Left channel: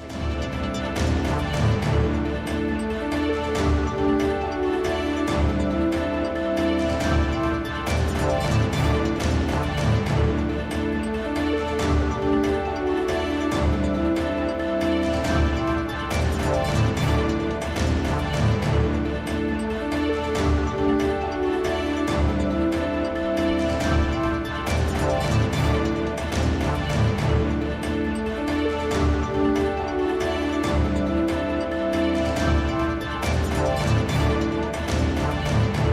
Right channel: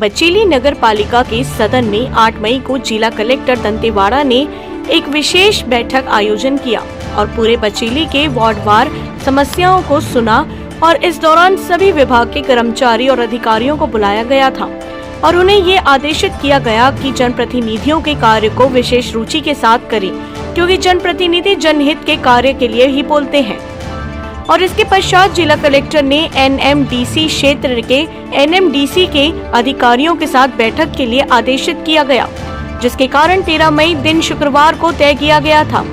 बचेली नगर पालिका के सदन में 8 मई को जिला कलेक्टर दंतेवाड़ा ने एक विशेष बैठक आयोजन किया और पूरे बचेली के वार्डवार समस्याओं को सुना और इस दौरान सभी विभाग के कर्मचारी और अधिकारियों को बुलाया गया था और उन्हें ये आदेशित किया गया कि जनप्रतिनिधियों के कार्य को विशेष रुचि के साथ करें, क्योंकि जनप्रतिनिधि जनहित के कार्य के लिए ही बोलते हैं। और इसके पश्चात जिला कलेक्टर ने एनएमडीसी क्षेत्र के एनएमडीसी के अधिकारियों के साथ बैठक के लिए आदेशित किया गया, जिसके कारण 13 मई दिन शुक्रवार को तय किया गया था।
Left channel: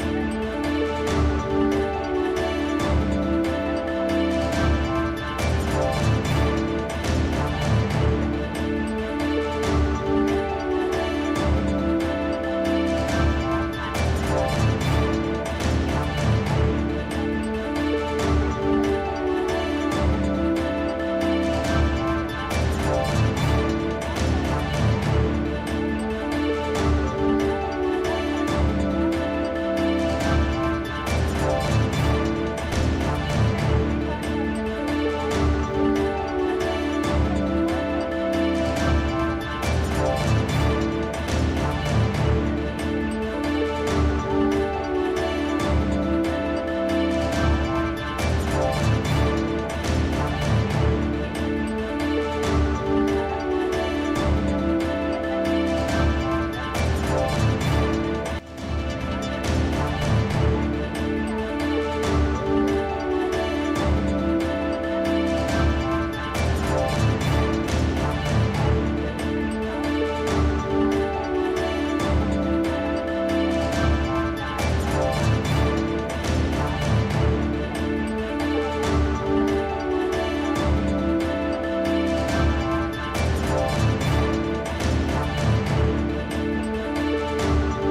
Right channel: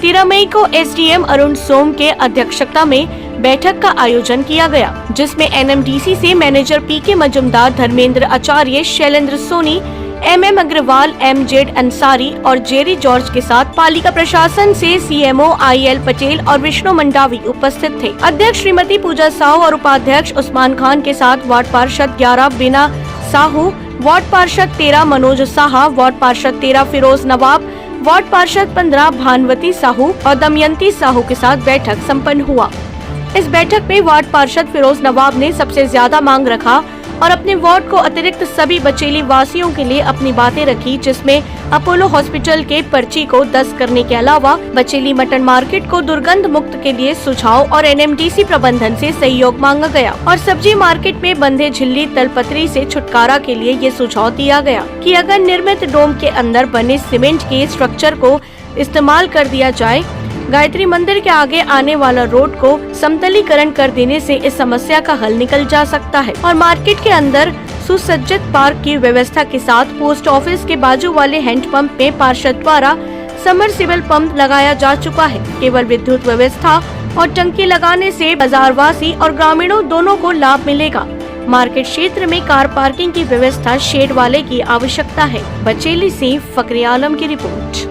13 मई को एसडीएम अरुण सोम के अध्यक्षता में बैठक का आयोजन किया गया, जिसमें एनएमडीसी से मैनेजर पीके मजुमदार, धर्मेंद्र आचार्य, शैलेंद्र सोनी, एमएम अग्रवाल, एमजेड अंसारी और जेरी जॉर्ज के साथ पालिका प्रशासन से सीएमओ आईएल पटेल और विष्णु मंडावी उपस्थित थे। अध्यक्ष श्रीमती पूजा साहू और उपाध्यक्ष उस्मान खान के साथ वार्ड पार्षद 11 बीना साहू, वार्ड पार्षद 13 मनोज साहा, वार्ड पार्षद 13 फिरोज नवाब, वार्ड पार्षद 15 भानवती साहू और दमयंती साहू के साथ बैठक संपन्न हुआ। इस बैठक में वार्ड पार्षद फिरोज नवाब ने सबसे ज्यादा मांग रखा और अपने वार्ड को अतिरिक्त सभी बचेली वासियों के लिए अपनी बातें रखी, जिसमें अपोलो हॉस्पिटल के पर्ची को 10 करने के अलावा बचेली मटन मार्केट को दुर्गंध मुक्त के लिए सुझाव और एनएमडीसी प्रबंधन से सहयोग मांगा गया और सब्जी मार्केट में बंधे झिल्ली तलपत्री से छुटकारा के लिए ये सुझाव दिया गया कि अगर निर्मित डोम के अंदर बने सीमेंट के स्ट्रक्चर को इस्तेमाल कर दिया जाए, गायत्री मंदिर के आगे आने वाला रोड को समतलीकरण कर देने से इस समस्या का हल निकल जा सकता है और मार्केट के अंदर सुसज्जित पार्क की व्यवस्था के साथ पोस्ट ऑफिस के बाजू वाले हैंडपंप में पार्षद द्वारा समरसेबल पंप लगाया जा चुका है। केवल विद्युत व्यवस्था और टंकी लगाने से बाजारवासी और ग्रामीणों दोनों को लाभ मिलेगा। मार्केट क्षेत्र में कार पार्किंग की व्यवस्था शेड वाले की आवश्यकता है। बचेली से फकरे आलम की रिपोर्ट।